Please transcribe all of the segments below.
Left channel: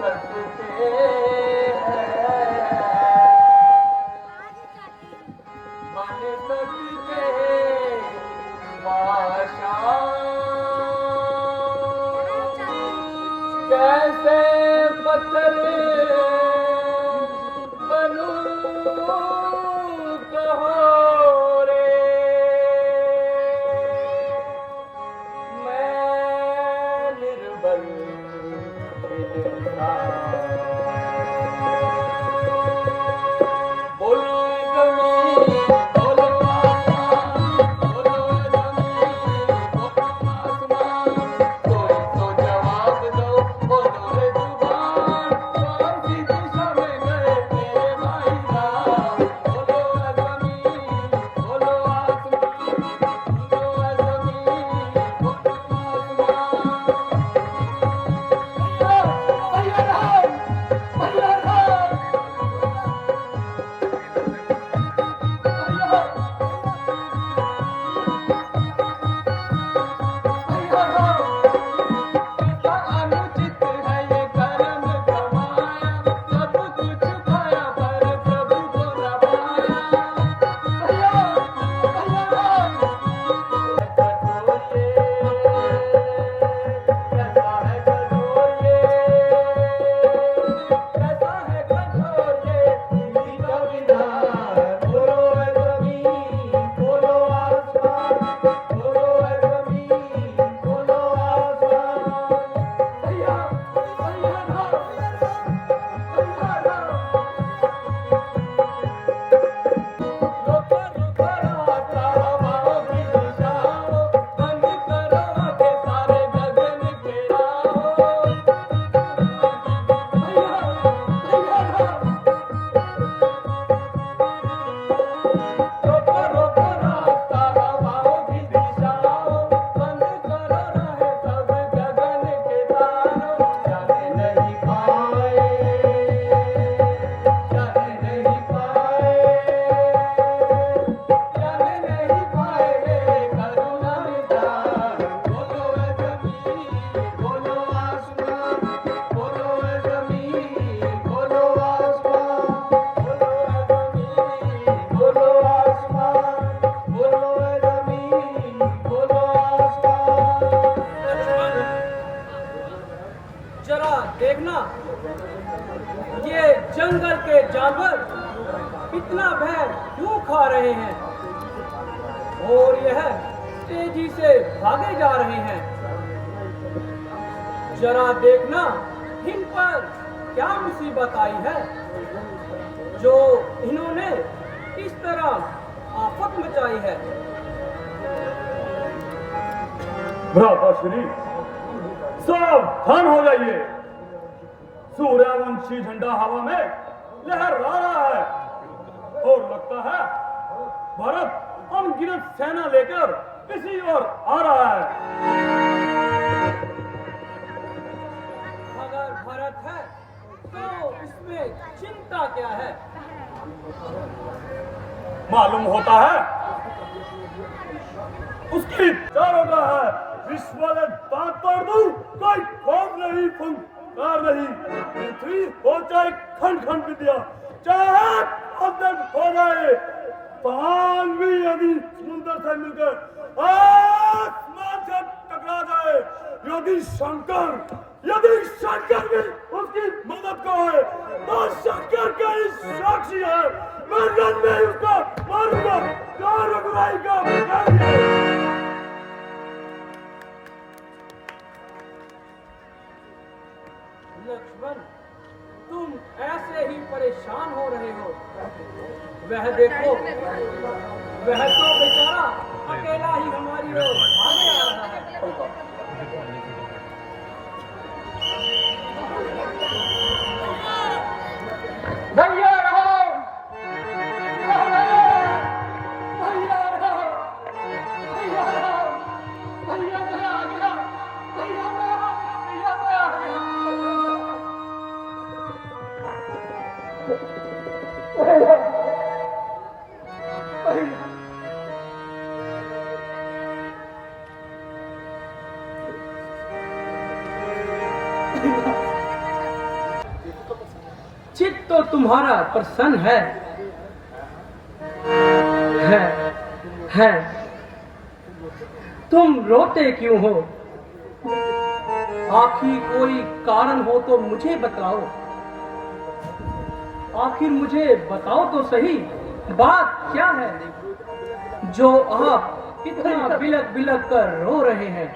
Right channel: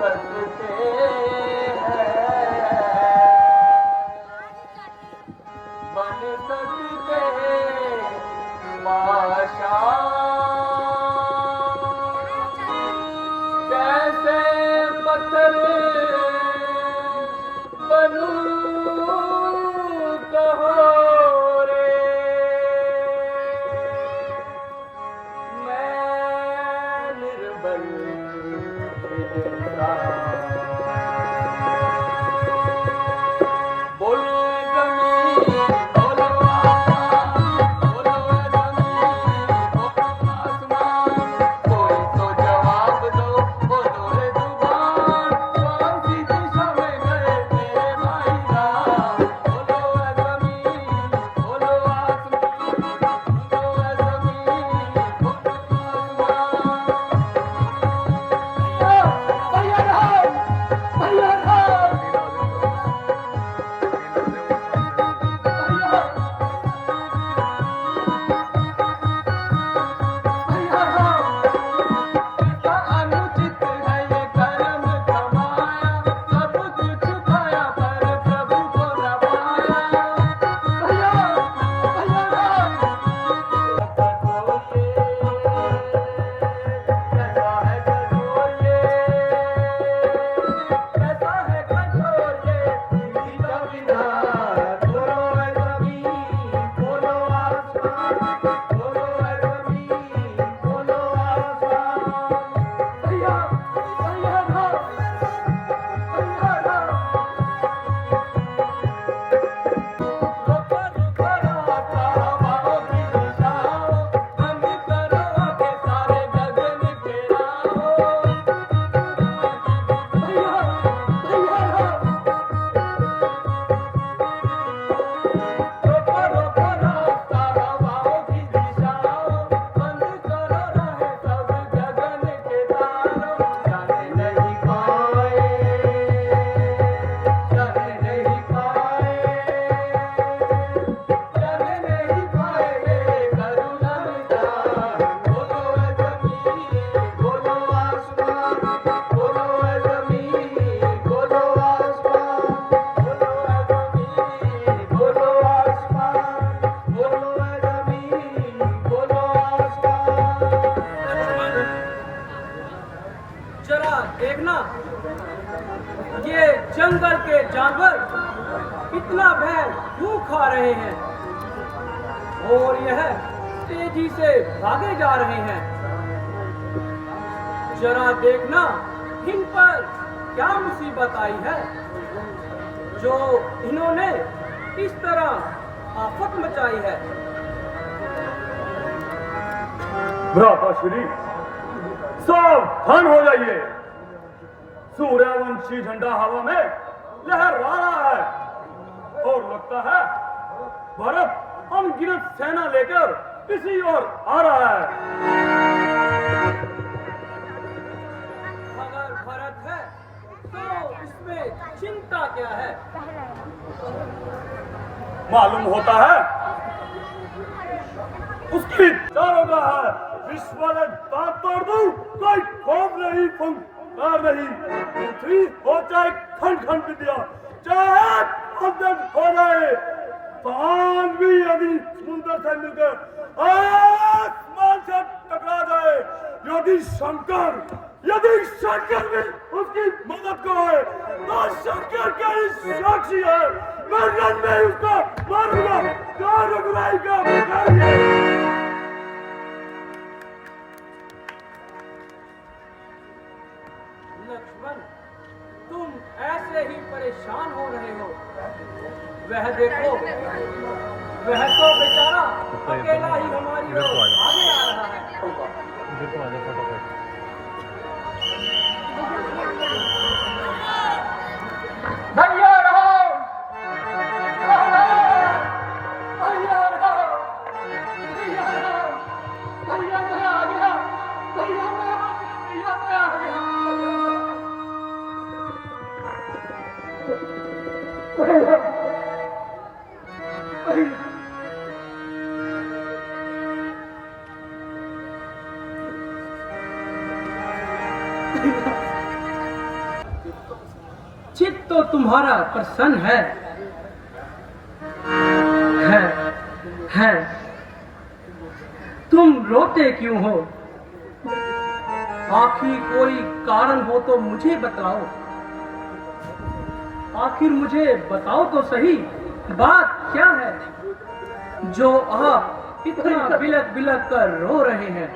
सकते हैं, बन सकते बादशाह। कैसे पत्थर बनूं कहो रे, मैं निर्बल बोलो जमीन बोलो आसमान, बोलो जमीन बोलो आसमान, कोई तो जवाब दो बोलो रे जुबान, कौन सी दिशा में गए मेरे भाई राम। बोलो जमीन बोलो आसमान, बोलो जमीन बोलो आसमान। भैया भैया अनुचित है ये कर्म कमाया, सब कुछ खाया पर प्रभु को न पाया। कैसा है कठोर ये, कैसा है कठोर ये दिल्ली का विधान। बोलो जमीन बोलो आसमान, बोलो जमीन बोलो आसमान। भैया भैया रोको रोको रास्ता हवाओं की दिशाओं, बंद करो आंखें सारे गगन के राहों। भैया रोको रोको रास्ता हवाओं की दिशाओं, बंद करो राहें सब गगन के तारों। जाने नहीं पाए, जाने नहीं पाए, जाने नहीं पाए मेरे करुणा निधान। बोलो जमीन बोलो आसमान, बोलो जमीन बोलो आसमान, बोलो जमीन बोलो आसमान, बोलो जमीन बोलो आसमान। जरा देखना, ये जंगल के जानवर इतना भय क्यों खा रहे हैं और यह तेजी से भागे जा रहे हैं। जरा देखना इन पर क्या मुसीबत आई है जो इन्होंने इस तरह आफत मचाई है। भ्राताश्री सावधान हो जाइए, सूर्यवंशी झंडा हवा में लहरा रहा है और लगता है भारत अनगिनत सेना लेकर किसी और आ रहा है। अगर भारत है तो इसमें चिंता क्या है। मालूम होता है उसकी चारों का है विश्व दांत तोड़ दूं, कोई खोज नहीं फुंकार नहीं। पृथ्वी हो चाहे खंड खंड विद्या, चाहे अदृत हो जाए, चांद भी यदि समुद्र से मिलकर आसमान से टकरा जाए, यदि शंकर भी उसकी मदद को है तो शंकर का साक्षी है, मर्दन में उसको मारूंगा, क्या रुकवाई का लक्ष्मण, तुम ऐसे ही परेशान हो रहे हो। वह देखो, वह तो बेचारा अकेला ही हमारी ओर भागे आ रहा है। भैया रहो, भैया रहो, भैया रहो, भैया मैं आ गया, भैया मैं आ गया, भैया मैं आ गया। भैया भैया चित्त तो तुम्हारा प्रसन्न है। तुम रोते क्यों हो? आखिर कोई कारण हो तो मुझे बताओ। आखिर मुझे बताओ तो सही, बात क्या है जो आप इतना बिलक बिलक कर रो रहे हैं?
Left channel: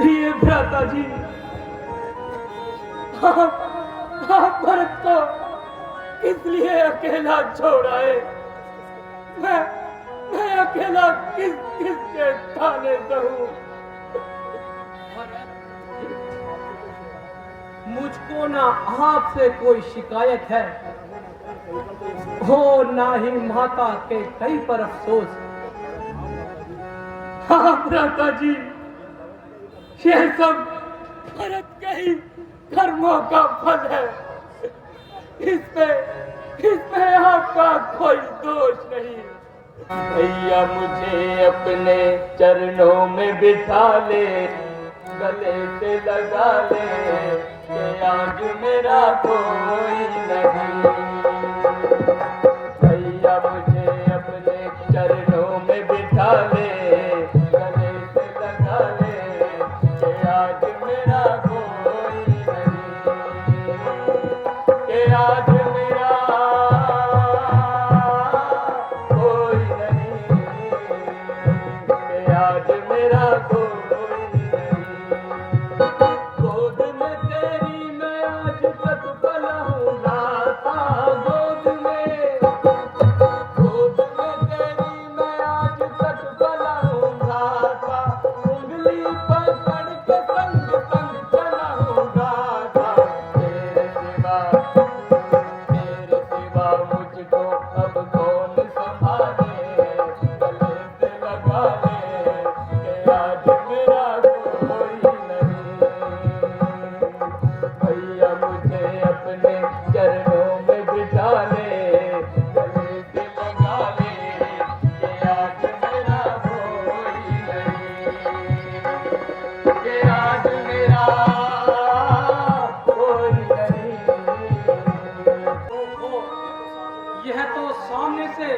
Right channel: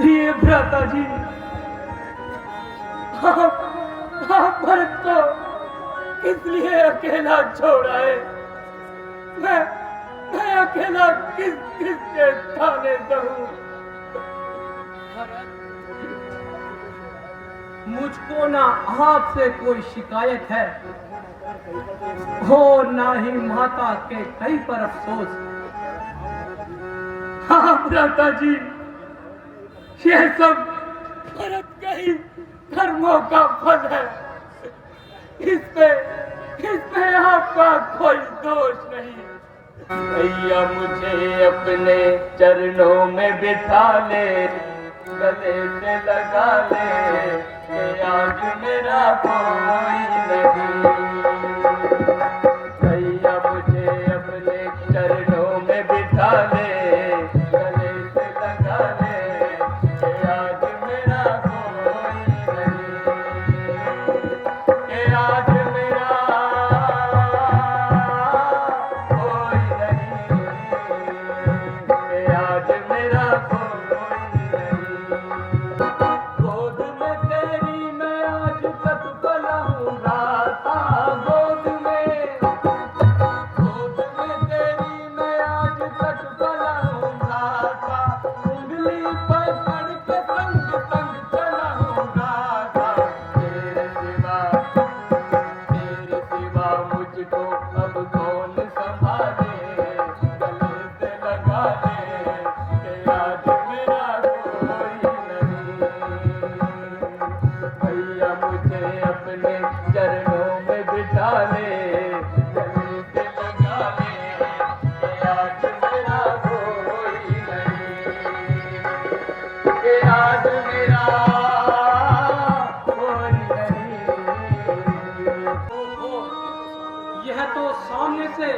प्रिय भ्राता जी, आप भरत को किस लिए अकेला छोड़ा है? मैं अकेला किस के थाने रहूं? मुझको ना आपसे कोई शिकायत है और ना ही माता के कई पर अफसोस। हाँ भ्राता जी, ये सब भरत के ही कर्मों का फल है। इसमें आपका कोई दोष नहीं। भैया मुझे अपने चरणों में बिठा ले, गले से लगा ले कि आज मेरा कोई नहीं। भैया मुझे अपने चरणों में बिठा ले, गले से लगा ले कि आज मेरा कोई नहीं, कि आज मेरा कोई नहीं, कि आज मेरा कोई नहीं। गोद में तेरी मैं आज तक पला हूँ दाता, गोद में तेरी मैं आज तक पला हूँ दाता, उंगली पकड़ के संग संग चला हूँ दाता। तेरे सिवा मुझको अब कौन संभाले, गले से लगा ले कि आज मेरा कोई नहीं। भैया मुझे अपने चरणों में बिठा ले, गले से लगा ले कि आज मेरा कोई नहीं, कि आज मेरा कोई नहीं। यह तो सामने से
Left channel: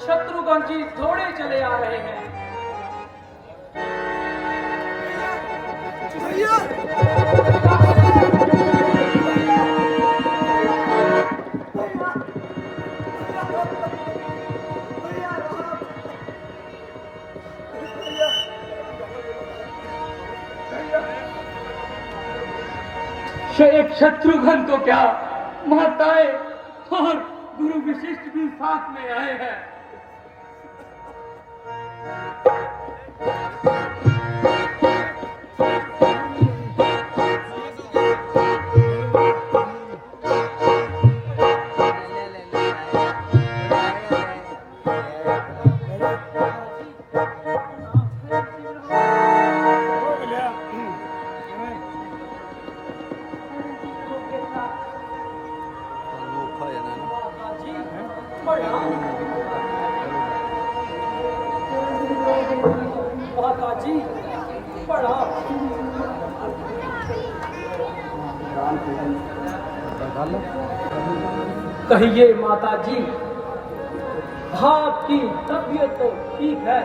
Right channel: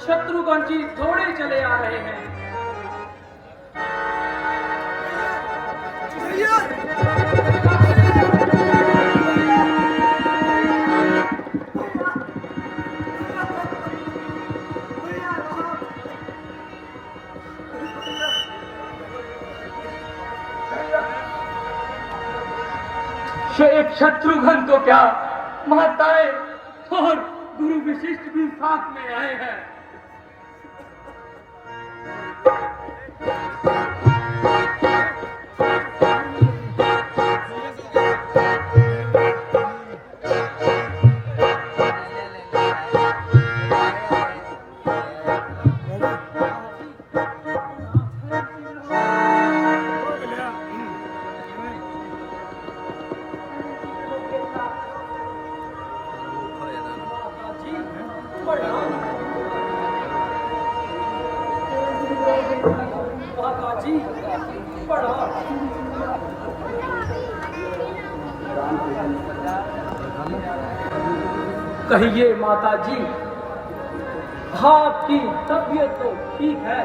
शत्रुघ्न जी दौड़े चले आ रहे हैं। एक शत्रुघ्न तो क्या, माताएं और गुरु विशिष्ट भी साथ में आए हैं। जी प्रणाम। कहिए माता जी, आपकी तबीयत तो ठीक है,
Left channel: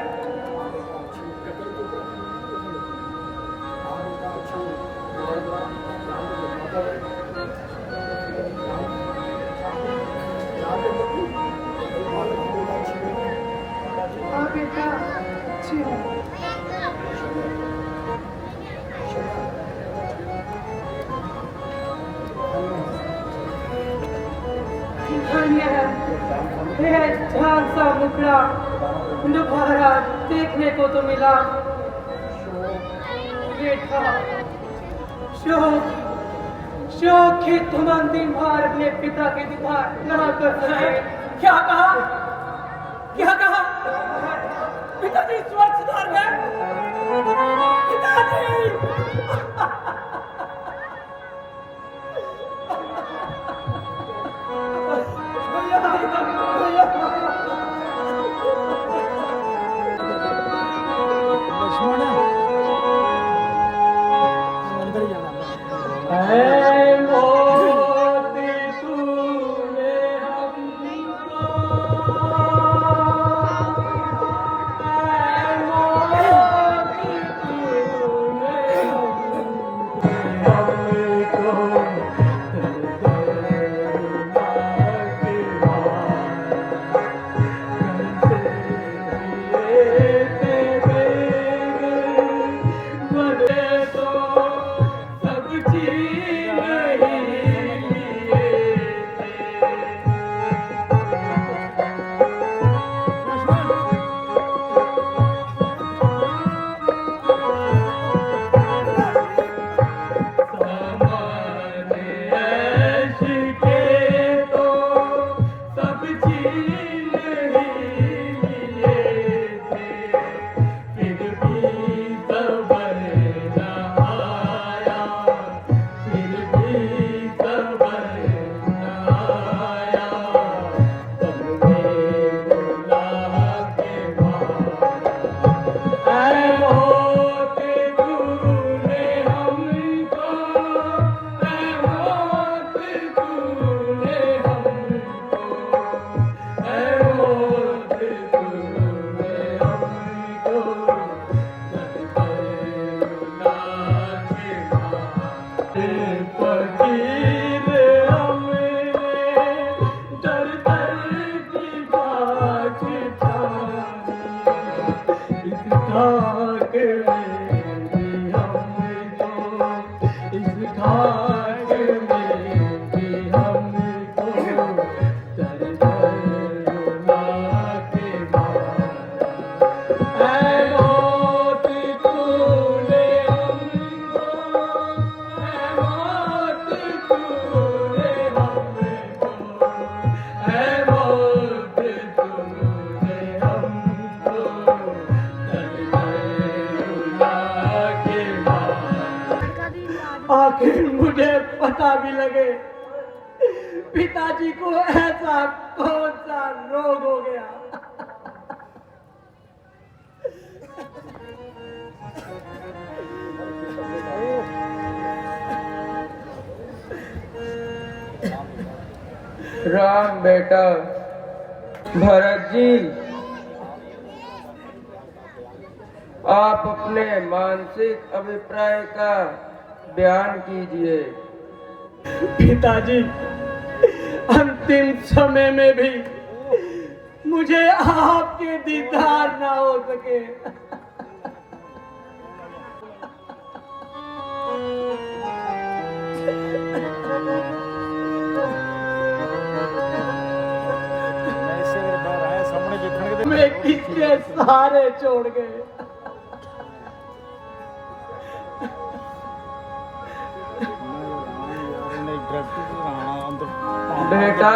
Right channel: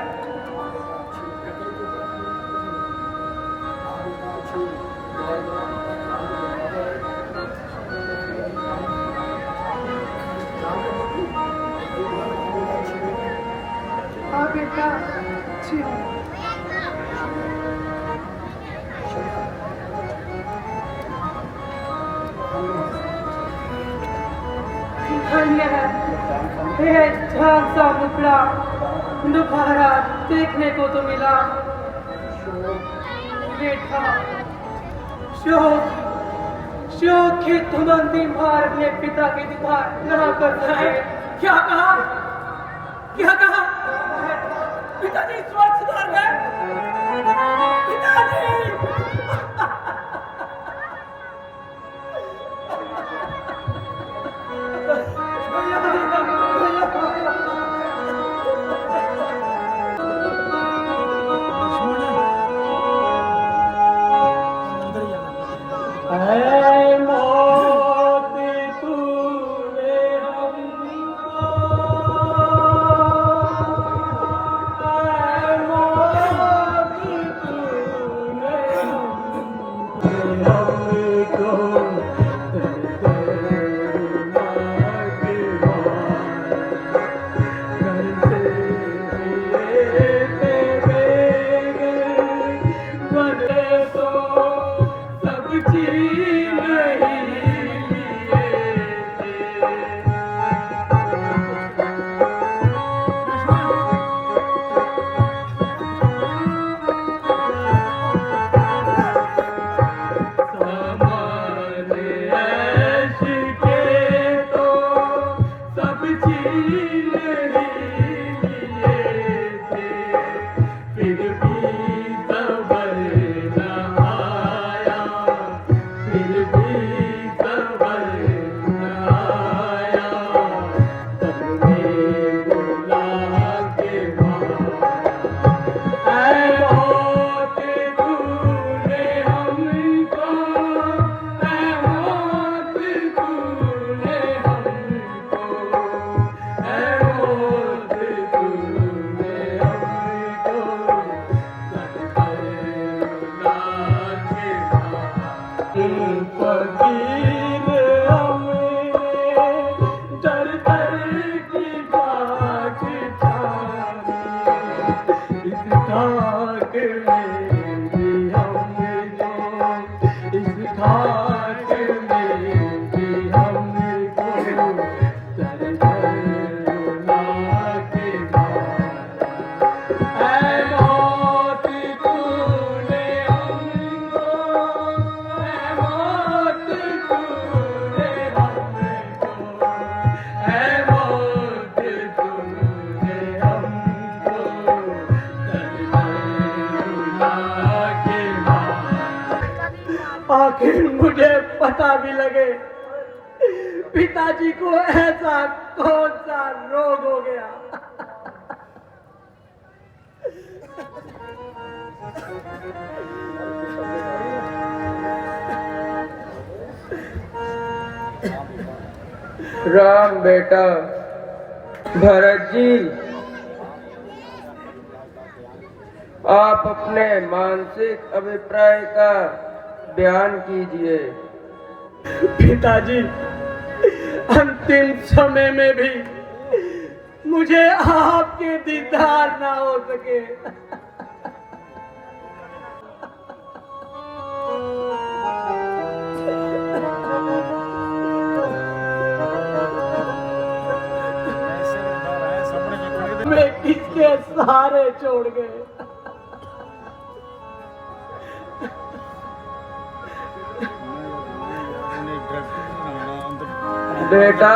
हाँ बेटा, अच्छी हूँ। धन्य है हे जान सा मुखड़ा, दोबारा देखने को तो मिला। बेटा, शोक शोक की तुमंदी मार अपने पिता की दीवार ना कर सके। क्या कहा? क्या कहा? पिताजी स्वस्थ सुधार गए? पिताजी! ऐ मौत तूने हमको, ऐ मौत तूने आखिर मुझे पता भी लगे पिताजी को ऐसा कौन सा रोग हो गया। राम बेटा, भरत जी, आप अपने मानसिक अभिप्राय का बयान कीजिए। पिताजी, अंतिम समय में भी मुझे आपके दीदार ना हो सके। मैं किसके सहारे छोड़ गए। बेटा,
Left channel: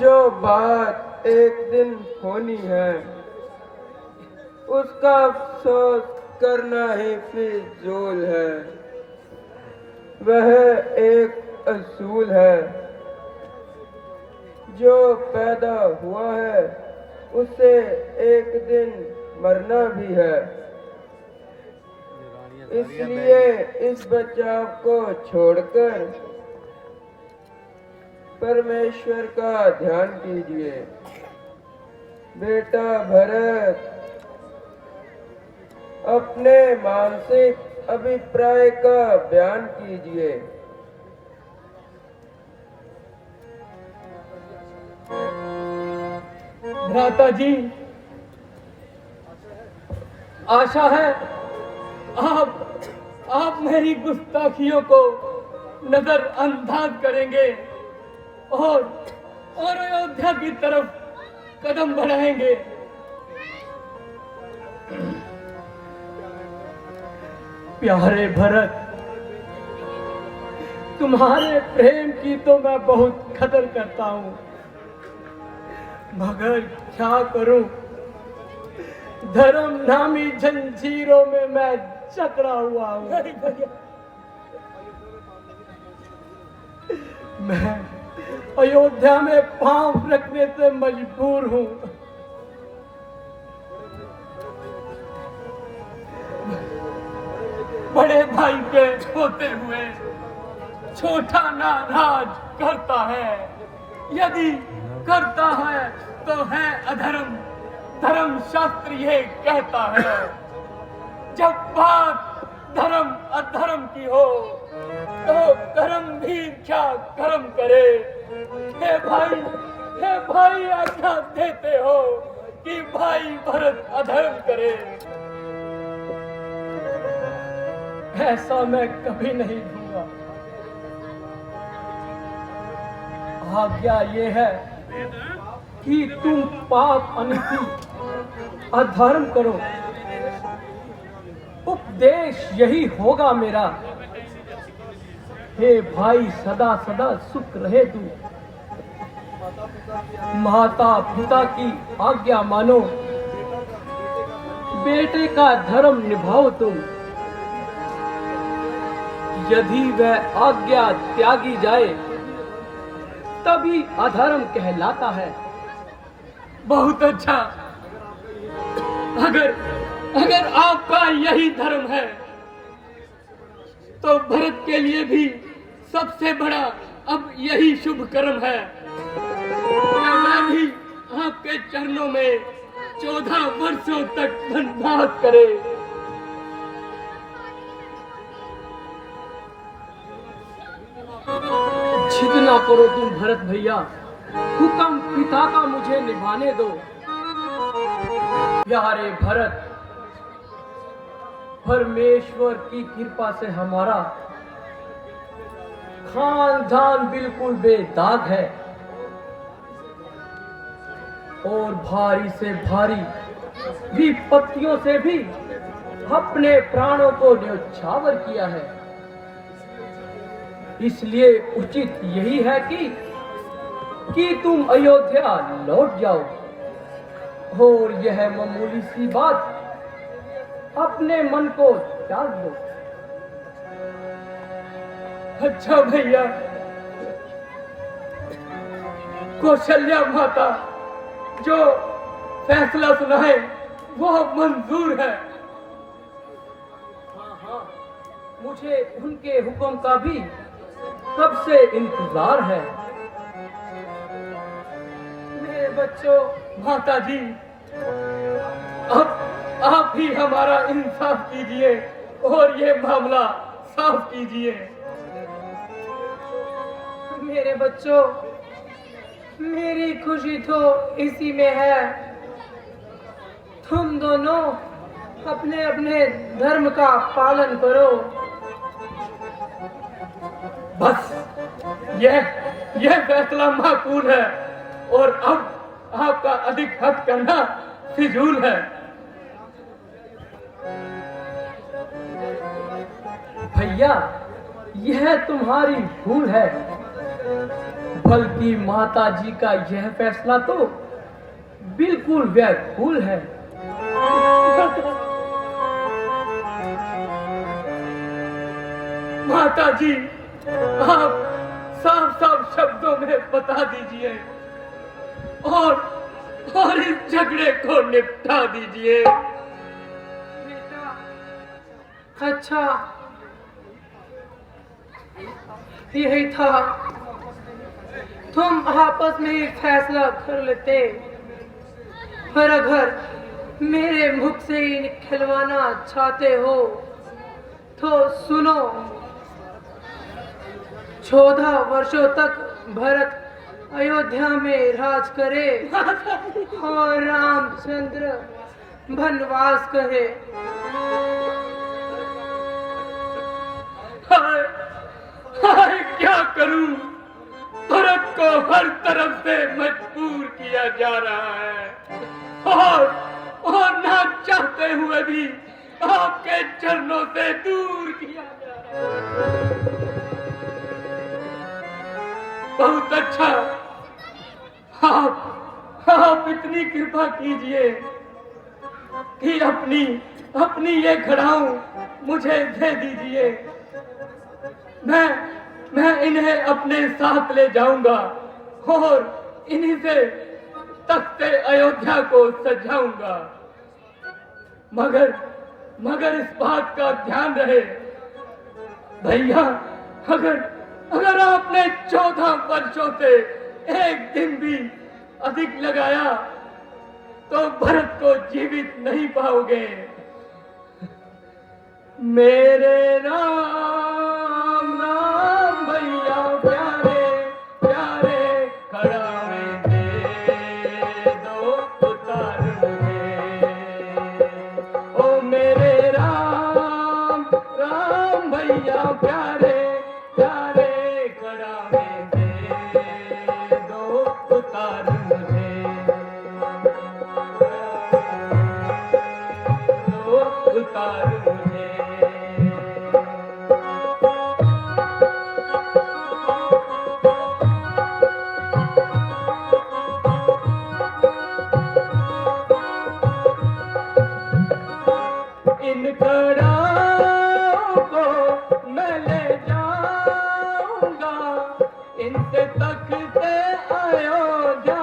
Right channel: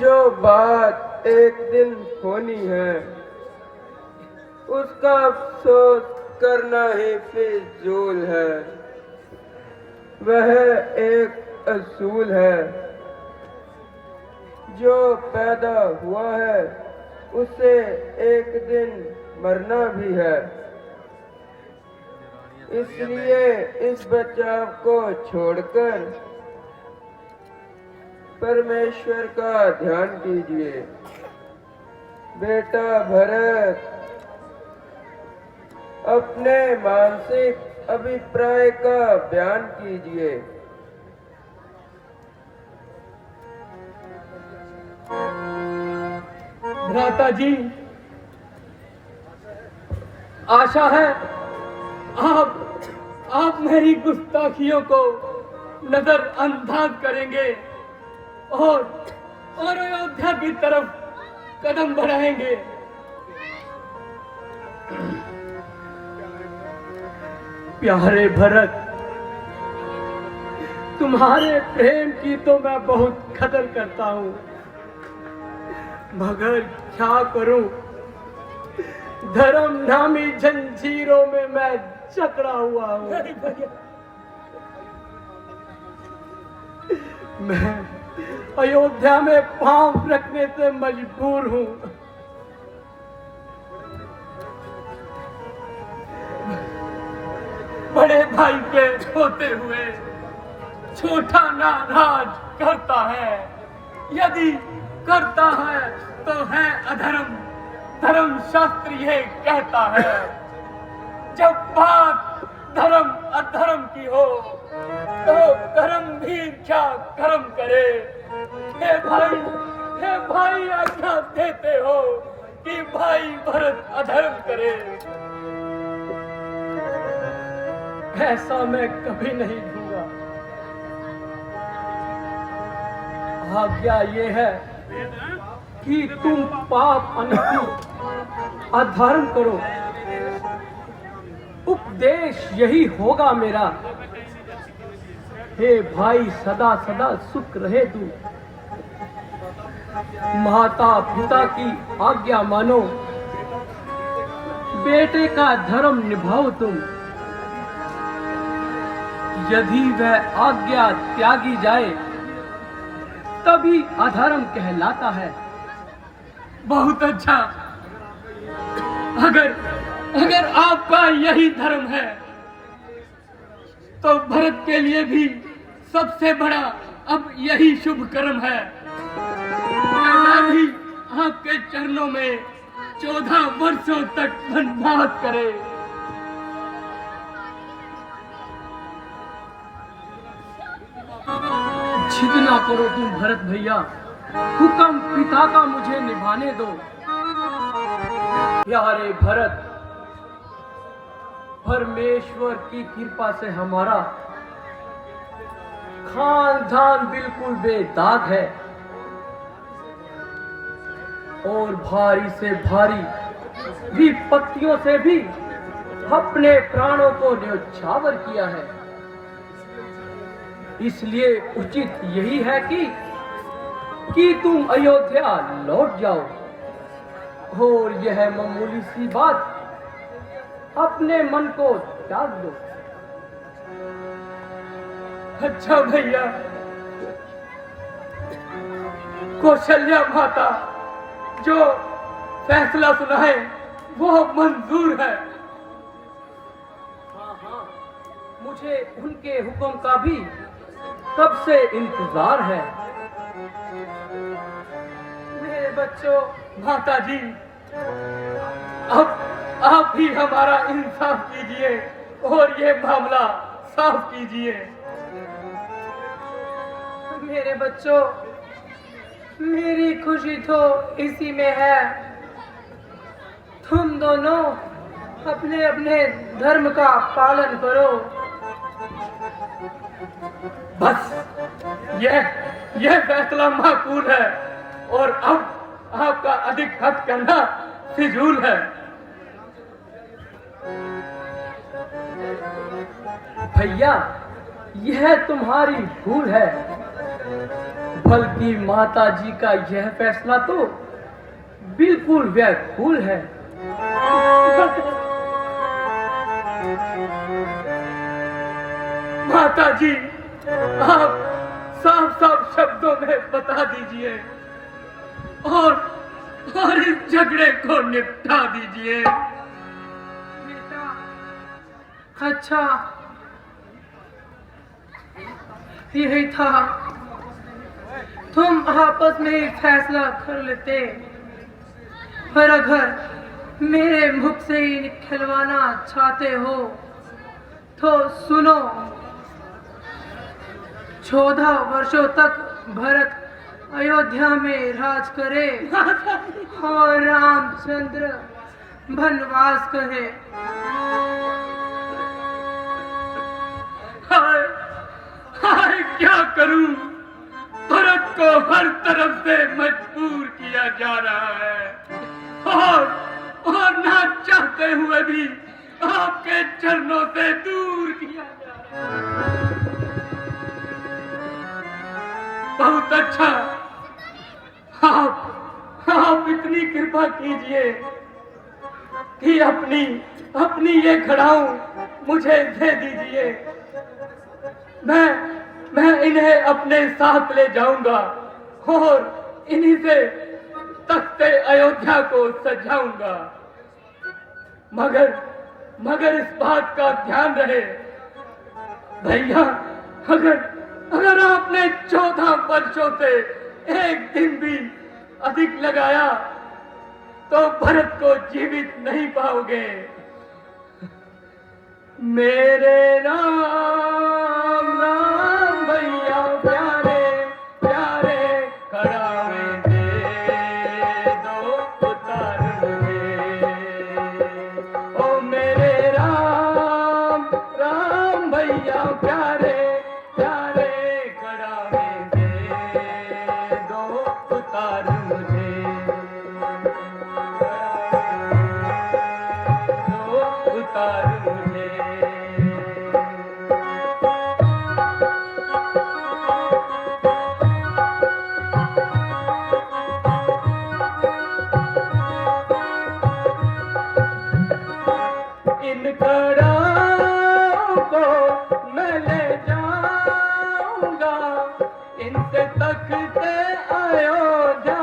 जो बात एक दिन होनी है उसका अफसोस करना ही फिजूल है। वह एक असूल है, जो पैदा हुआ है उसे एक दिन मरना भी है। इसलिए इस बचाव को छोड़कर परमेश्वर का ध्यान कीजिए। बेटा भरत, अपने मानसिक अभिप्राय का बयान कीजिए। भ्राता जी, आशा है आप मेरी गुस्ताखियों को नजरअंदाज करेंगे और अयोध्या की तरफ कदम बढ़ाएंगे। प्यारे भरत, तुम्हारे प्रेम की तो मैं बहुत कदर करता हूँ, मगर क्या करूं, धर्म नामी जंजीरों में मैं जकड़ा हुआ हूँ। मैं अयोध्या में पांव रखने से मजबूर हूँ। बड़े भाई के होते हुए छोटा नाराज करता है, यदि करता है तो है अधर्म। धर्म शास्त्र ये कहता है, जब बात धर्म अधर्म की हो तो कर्म भी क्या कर्म करे। हे भाई आज्ञा देते हो कि भाई भरत अधर्म करे। ऐसा मैं कभी नहीं दूंगा। आज्ञा ये है कि तुम पाप अनिति अधर्म करो। उपदेश यही होगा मेरा। हे भाई, सदा सदा सुख रहे तू। माता पिता की आज्ञा मानो, बेटे का धर्म निभाओ तुम। यदि वह आज्ञा त्यागी जाए तभी अधर्म कहलाता है। बहुत अच्छा। अगर आपका यही धर्म है तो भरत के लिए भी सबसे बड़ा अब यही शुभ कर्म है। मैं भी आपके चरणों में 14 वर्षों तक वनवास करे। जिद ना करो तुम भरत भैया, हुक्म पिता का मुझे निभाने दो। प्यारे भरत, परमेश्वर की कृपा से हमारा खानदान बिल्कुल बेदाग है और भारी से भारी विपत्तियों से भी अपने प्राणों को न्यौछावर किया है। इसलिए उचित यही है कि तुम अयोध्या लौट जाओ और यह मामूली सी बात अपने मन को त्याग दो। अच्छा भैया, कौशल्या माता जो फैसला सुनाए वो मंजूर है। मुझे उनके हुक्म का भी कब से इंतजार है। मेरे बच्चों, माता जी, अब आप ही हमारा इंसाफ कीजिए और ये मामला साफ कीजिए। मेरे बच्चों, मेरी खुशी तो इसी में है। तुम दोनों अपने अपने धर्म का पालन करो। बस यह फैसला माकूल है और अब आपका अधिक हद करना फिजूल है। भैया, यह तुम्हारी भूल है, बल्कि माता जी का यह फैसला तो बिल्कुल व्याकुल है। माता जी, आप साफ साफ शब्दों में बता दीजिए और इस झगड़े को निपटा दीजिए। बेटा, अच्छा, यही था। तुम आपस में ही फैसला कर लेते, पर अगर मेरे मुख से ही निकलवाना चाहते हो तो सुनो। 14 वर्षों तक भरत अयोध्या में राज करे और रामचंद्र वनवास करे। हाय हाय क्या करूं, भरत को हर तरफ से मजबूर किया जा रहा है और ना चाहते हुए भी आपके चरणों से दूर किया जा रहा है। बहुत अच्छा, आप इतनी कृपा कीजिए कि अपनी ये खड़ाऊ मुझे दे दीजिए। मैं इन्हें अपने साथ ले जाऊंगा और इन्हीं से तख्ते अयोध्या को सजाऊंगा। मगर इस बात का ध्यान रहे भैया, अगर आपने 14 वर्षों से एक दिन भी अधिक लगाया तो भरत को जीवित नहीं पाओगे। मेरे राम राम भैया प्यारे प्यारे खड़ावे दे दो उतार मुझे। ओ मेरे राम राम भैया प्यारे प्यारे खड़ावे दे दो उतार मुझे। दो उतार मुझे। इन खड़ाओं को मैं ले जाऊंगा, इनसे तख्ते अयोध्या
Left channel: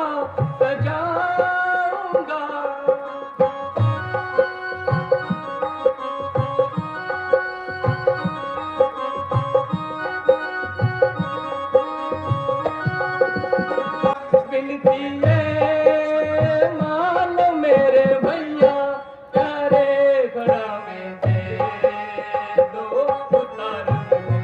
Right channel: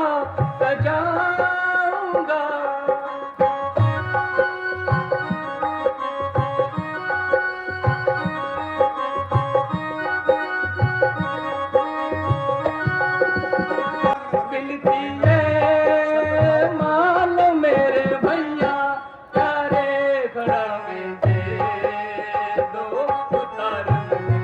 सजाऊंगा। बिनती है मान मेरे भैया प्यारे खड़ावे दे दो उतार मुझे।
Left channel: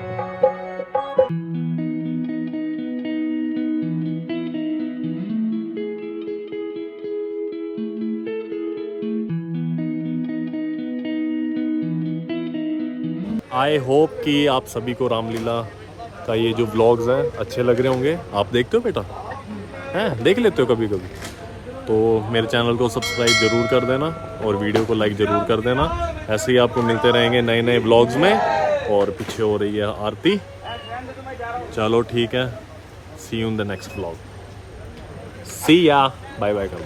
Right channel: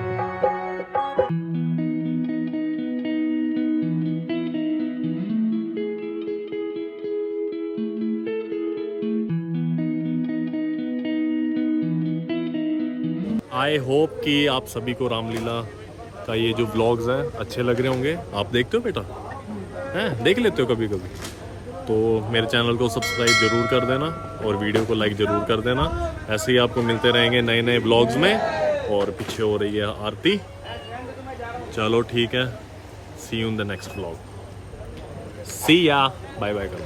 आई होप कि आप सभी को रामलीला का ये जो व्लॉग्स हैं अच्छे लग रहे होंगे। आप देखते हो बेटा, हैं देख लेते हो कभी कभी, तो मेरे चैनल को सब्सक्राइब ज़रूर कर देना और वीडियो को लाइक ज़रूर कर देना। ऐसे ही आपको मिलते रहेंगे नए नए व्लॉग्स में। और पीछे हो रही है आरती। चलो ठीक है, see you in the next vlog. See ya, bye bye करो।